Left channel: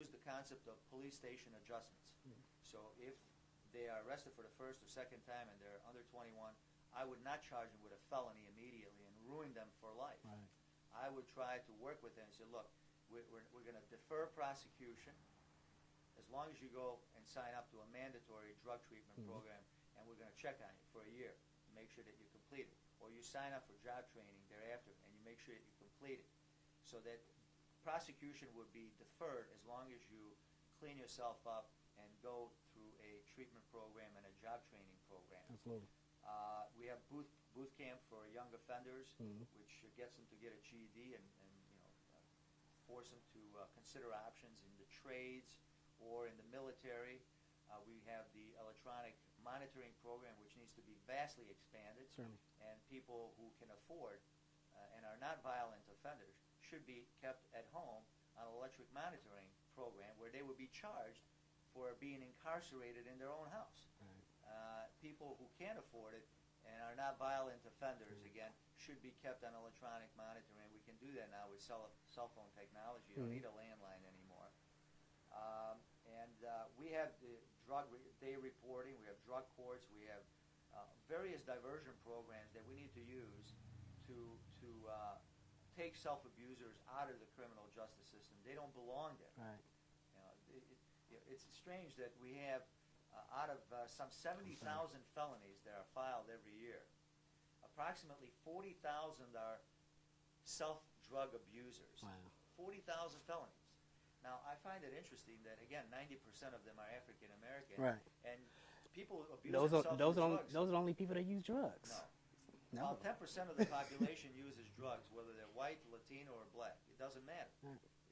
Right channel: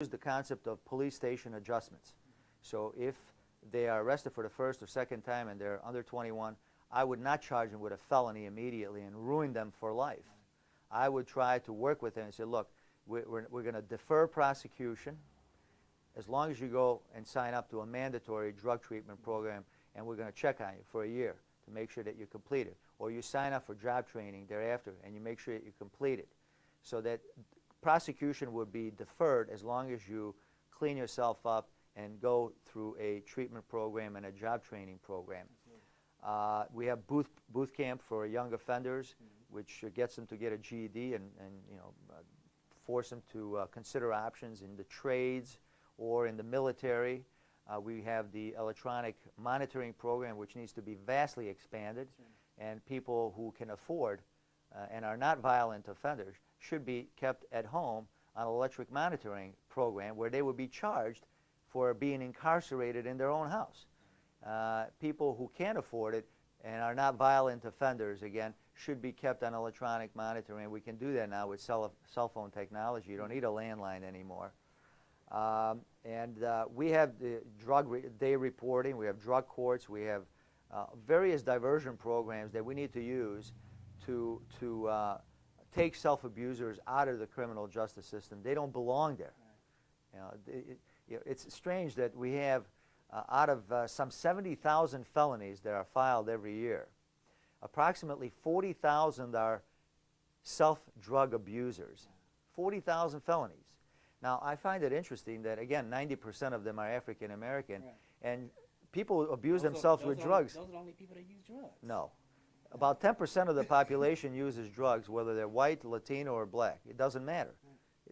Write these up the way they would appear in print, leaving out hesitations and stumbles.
use the concept of police station adjustments. So if they are arrested for the first or second time and they're under 21, I would not charge them with a felony immediately and ruin them for life. Right. I would try to work with them and say, look, we're going to defer prosecution as long as you go and sign up to a mandatory drug treatment program, and we're going to check on you for a year to make sure that you complete it. Or you sign up for job training thereafter, and you make sure that you complete it. So that prosecution would be deferred as long as you clean yourself up and go through a treatment program and a job training program. We have boot camp for young offenders, which gets them to get a GED and force them to consider options in the trades or in the military. We have the electronic monitoring program, which needs to be vastly expanded, and people who can afford and are not violent offenders should be kept at home on an electric monitoring program where they would be charged for being incarcerated in their own house. People who can't afford it and are not violent offenders, again, should be kept on electronic monitoring. We can do that now with cell phone technology. You don't need a landline anymore. We have the day reporting. We have drug courts. We have various diversion programs that we need to use to take self-abusers out of the criminal justice system. They don't belong there. Right. It's strange that we have out of some 70,000 felonies that are filed every year, approximately 40,000 are self-drug abusers. Wow. 40,000 felonies. Now, I find it interesting that, again, 90% of them are African American, right, and people abuse themselves with drugs. Those are the only people that use drugs. No. About 10% of the population uses drugs, whether they're white, Latino, or black. It doesn't matter.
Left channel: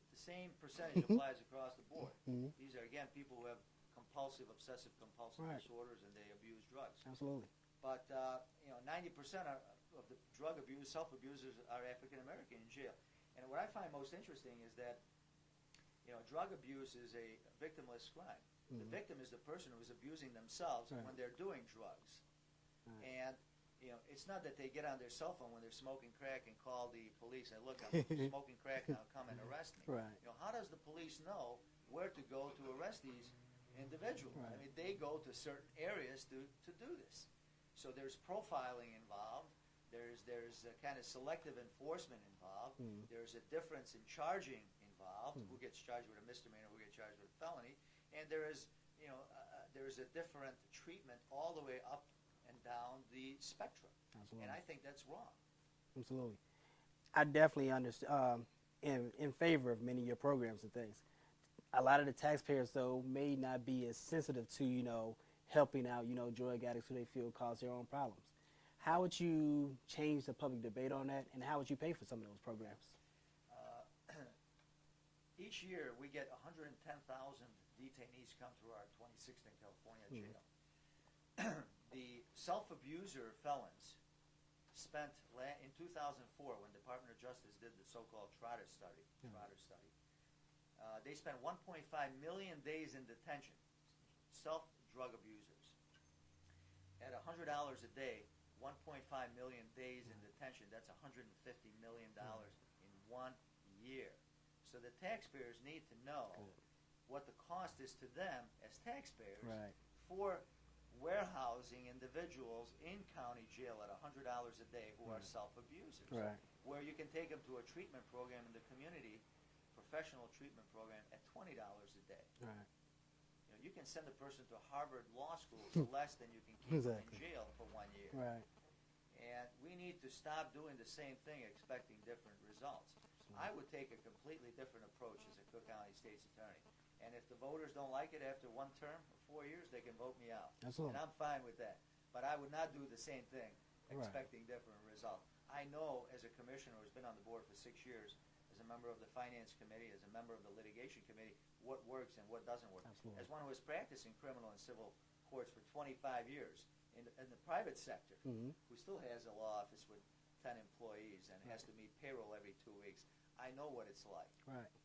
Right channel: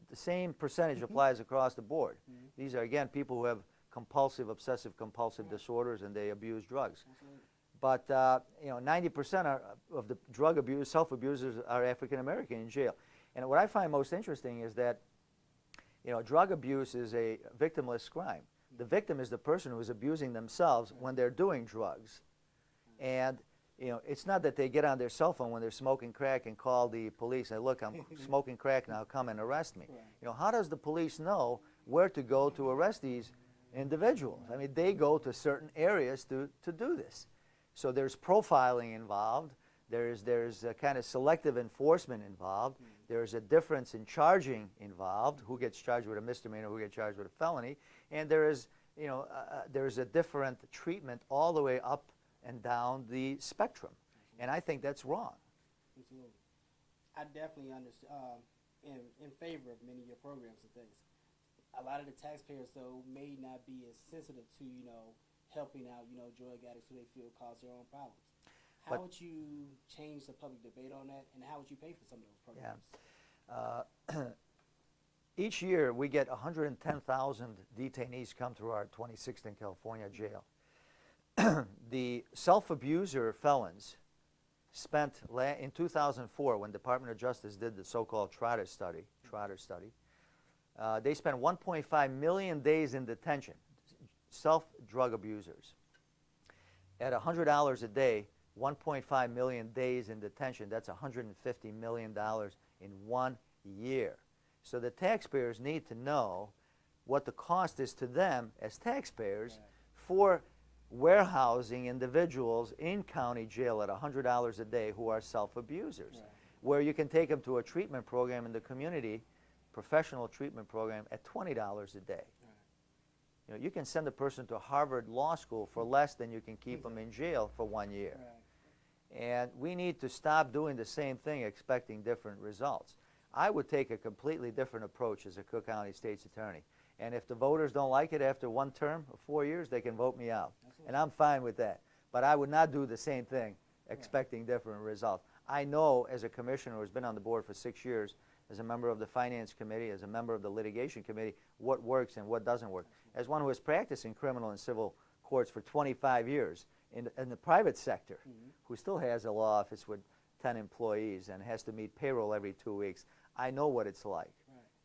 The same percentage applies across the board. These are, again, people who have compulsive, obsessive-compulsive disorders, and they abuse drugs. Absolutely. But 90% of the drug abuse, self-abusers are African American in jail. And what I find most interesting is that drug abuse is a victimless crime. The victim is the person who is abusing themselves when they're doing drugs. And it's not that they get on their cell phone when they're smoking crack and call the police and, look, I'm smoking crack now, come and arrest me. Right. How does the police know where to go to arrest these individuals? I mean, they go to certain areas to do this. So there's profiling involved. There's a kind of selective enforcement involved. There's a difference in charging involved, who gets charged with a misdemeanor, who gets charged with a felony, and there's a different treatment all the way up and down the spectrum. Absolutely. And I think that's wrong. Absolutely. I definitely understand, in favor of many of your programs and things. A lot of the taxpayers, though, may not be as sensitive to, helping out, drug addicts who they feel cause their own problems. How would you change the public debate on that, and how would you pay for some of those programs? Each year, we get 110,000 detainees come through our 2016 California jail. The self-abuser felons spent, in 2004, when Department of Justice did the so-called Trotter study, they spent 1.5 million days in detention, self-drug abusers. At $100 a day, 1.5 million days in detention, that's $150 million in 1 year. So the taxpayers need to know what the cost is to them as taxpayers for warehousing individuals in county jail at $100 a day who are self-abusers, where you can take them to a treatment program in the community, professional treatment program, at $20 a day. You can send a person to Harvard Law School for less than you can keep them in jail for 1 year. And we need to stop doing the same thing expecting different results. I would take a completely different approach as a Cook County State's Attorney. And if the voters don't like it after one term of 4 years, they can vote me out. Absolutely. And I'm fine with that. But I would not do the same thing expecting different results. I know, as a commissioner who's been on the board for 6 years, as a member of the Finance Committee, as a member of the Litigation Committee, what works and what doesn't work. Absolutely. As one who has practiced in criminal and civil courts for 25 years in the private sector, who still has a law office with 10 employees and has to meet payroll every 2 weeks, I know what it's like.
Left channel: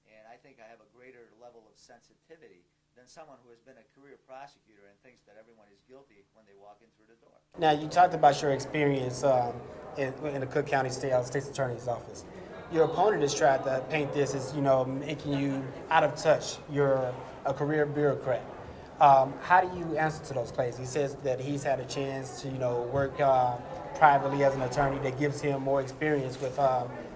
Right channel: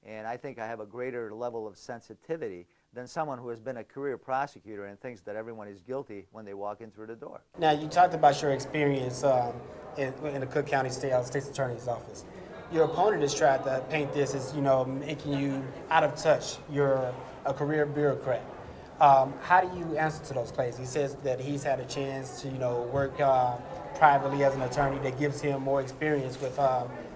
And I think I have a greater level of sensitivity than someone who has been a career prosecutor and thinks that everyone is guilty when they walk in through the door. Now, you talked about your experience in the Cook County State's Attorney's Office. Your opponent has tried to paint this as, you know, making you out of touch. You're a career bureaucrat. How do you answer to those claims? He says that he's had a chance to, you know, work privately as an attorney that gives him more experience with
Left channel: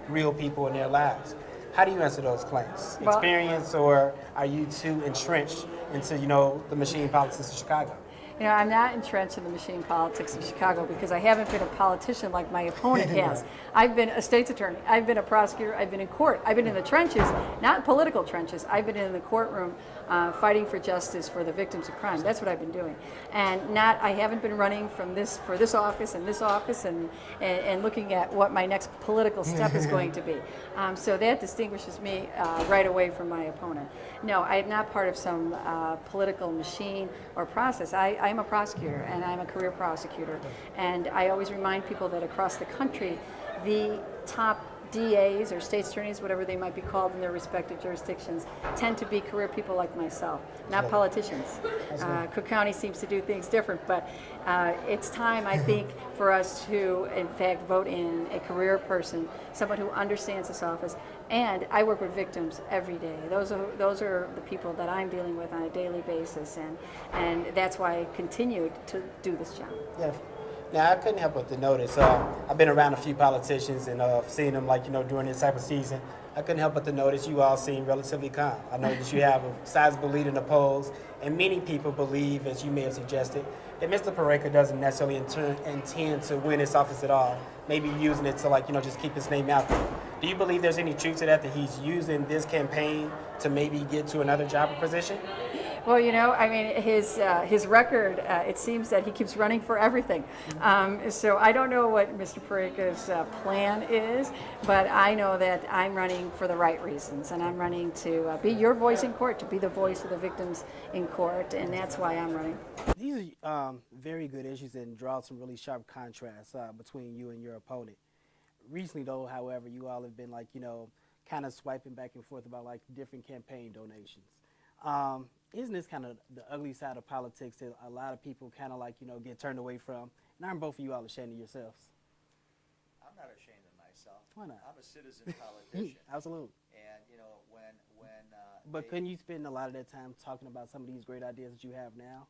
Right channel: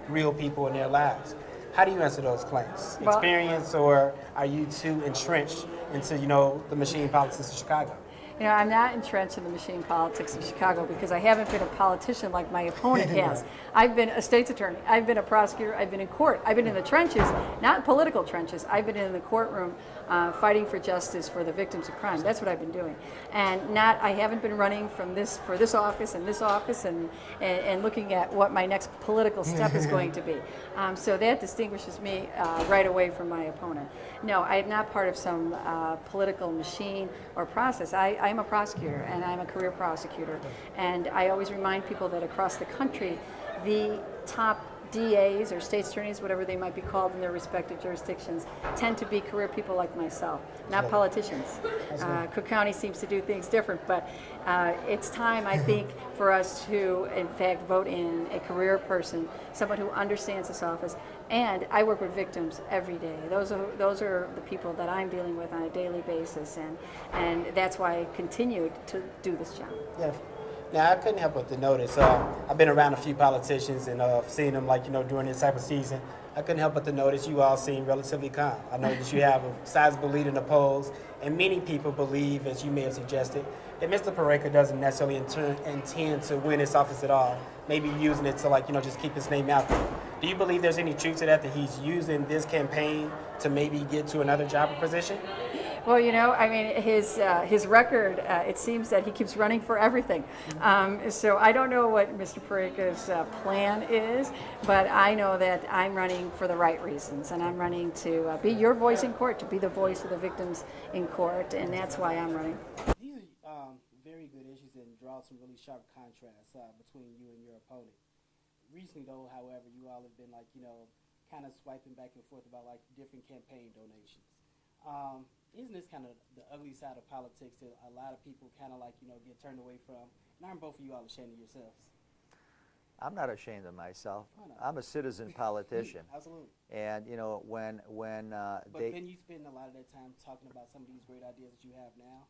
real people in their lives. How do you answer those claims? Well, Experience, or are you too entrenched into, you know, the machine politics of Chicago? You know, I'm not entrenched in the machine politics of Chicago because I haven't been a politician like my opponent has. I've been a state's attorney. I've been a prosecutor. I've been in court. I've been in the trenches, not political trenches. I've been in the courtroom fighting for justice for the victims of crime. That's what I've been doing. And I haven't been running for this office and looking at what my next political step is going to be. So that distinguishes me right away from my opponent. No, I am not part of some political machine or process. I'm a prosecutor, and I'm a career prosecutor. And I always remind people that across the country, the top DAs or state's attorneys, whatever they might be called in their respective jurisdictions, tend to be career people like myself, not politicians. Cook County seems to do things different, but it's time, I think, for us to, in fact, vote in a career person, someone who understands this office. And I work with victims every day. Those are the people that I'm dealing with on a daily basis, and that's why I continue to do this job. Yeah. Now, I couldn't help but to notice, I've been around a few politicians and seen them, like, you know, during this type of season. I couldn't help but to notice you all seem relatively calm. I know that you have a sizable lead in the polls, and many people believe, as you may have suggested, that Mr. Peraica doesn't necessarily intend to win this office at all, maybe using it to, like, you know, just keep his name out there. Do you believe there's any truth to that he's using this campaign to maybe get to another job or position? Well, you know, I mean, his record, it seems that he keeps running for everything. So I don't know what Mr. Peraica's plan is, but I know that I'm running for the right reasons, and I'm running to be your voice in court, to be the voice of the victims in court, and that's why I'm running. These are very good issues and draw some really sharp contrasts between you and your opponent. Recently, though, however, you all have been, like, you know, kind of swiping back and forth about, like, different campaign donations. Isn't this kind of the ugly side of politics that a lot of people kind of, like, you know, get turned away from? And aren't both of you all ashamed of yourselves? I'm not ashamed of myself. Why not? I'm a citizen politician. Absolutely. And, you know, when But couldn't you spend a lot of that time talking about some of these great ideas that you have now?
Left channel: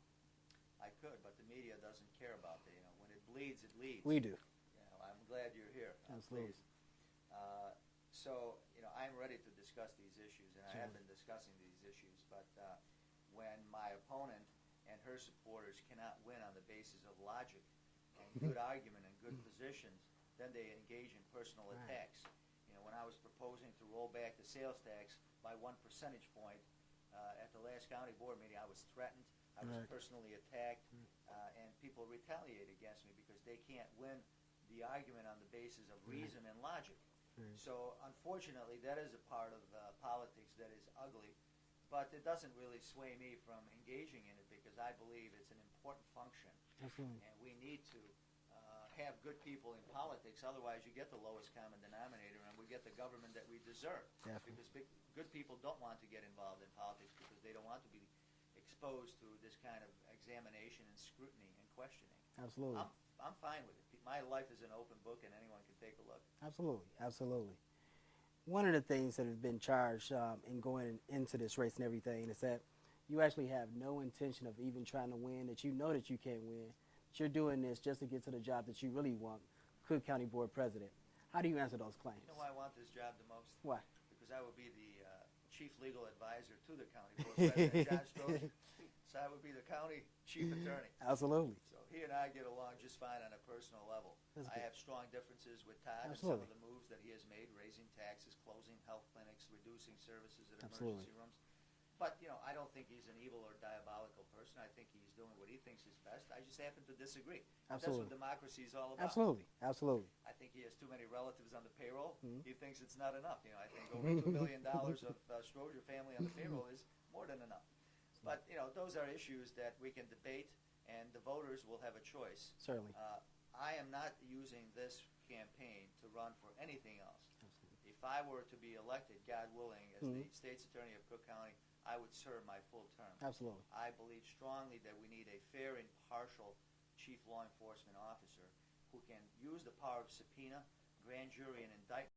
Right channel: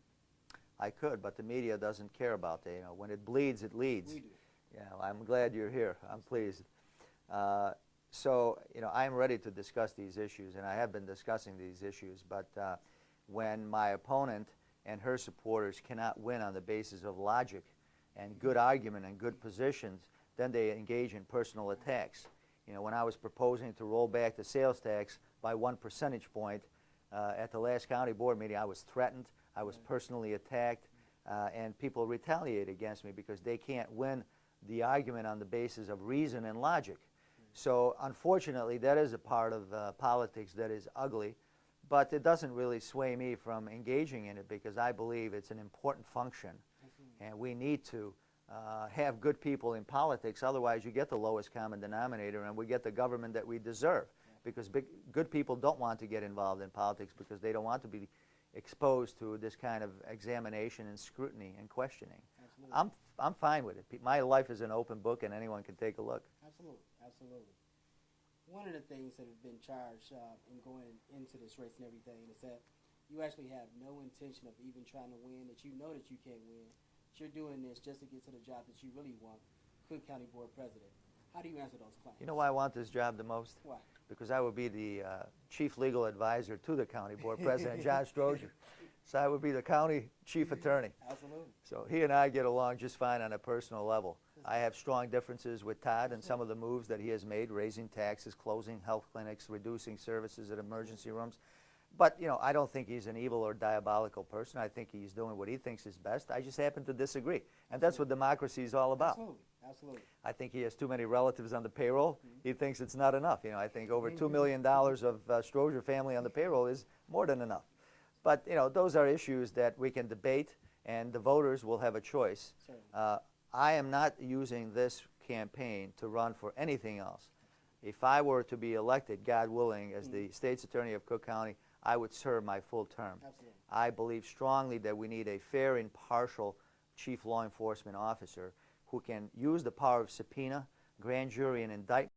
I could, but the media doesn't care about that. You know, when it bleeds, it leads. We do. Yeah, well, I'm glad you're here. I'm pleased. So, you know, I'm ready to discuss these issues, and I have been discussing these issues, but when my opponent and her supporters cannot win on the basis of logic and good argument and good positions, then they engage in personal attacks. You know, when I was proposing to roll back the sales tax by 1 percentage point at the last county board meeting, I was threatened, I was personally attacked, and people retaliate against me because they can't win the argument on the basis of reason and logic. So unfortunately, that is a part of politics that is ugly, but it doesn't really sway me from engaging in it because I believe it's an important function. And we need to have good people in politics, otherwise you get the lowest common denominator and we get the government that we deserve. Because good people don't want to get involved in politics because they don't want to be exposed to this kind of examination and scrutiny and questioning. Absolutely. I'm fine with it. My life is an open book and anyone can take a look. Absolutely, absolutely. One of the things that have been charged in going into this race and everything is that you actually have no intention of even trying to win, that you know that you can't win, that you're doing this just to get to the job that you really want, Cook County Board President. How do you answer those claims? You know why I want this job the most? Why? Because I would be the chief legal advisor to the county board president, John Strozier. So I would be the county chief attorney. Absolutely. So he and I get along just fine on a personal level. I have strong differences with Todd and some of the moves that he has made, raising taxes, closing health clinics, reducing services at emergency rooms. But, you know, I don't think he's an evil or diabolical person. I think he's doing what he thinks is best. I just happen to disagree. And that's what democracy is all about. Absolutely, absolutely. I think he has too many relatives on the payroll. He thinks it's not enough. You know, I think over $2 million of Strozier family on the payroll is more than enough. But, you know, those are issues that we can debate, and the voters will have a choice. Certainly. I am not using this campaign to run for anything else. If I were to be elected, God willing, as the state's attorney of Cook County, I would serve my full term. Absolutely. I believe strongly that we need a fair, impartial chief law enforcement officer who can use the power of subpoena, grand jury, and indictment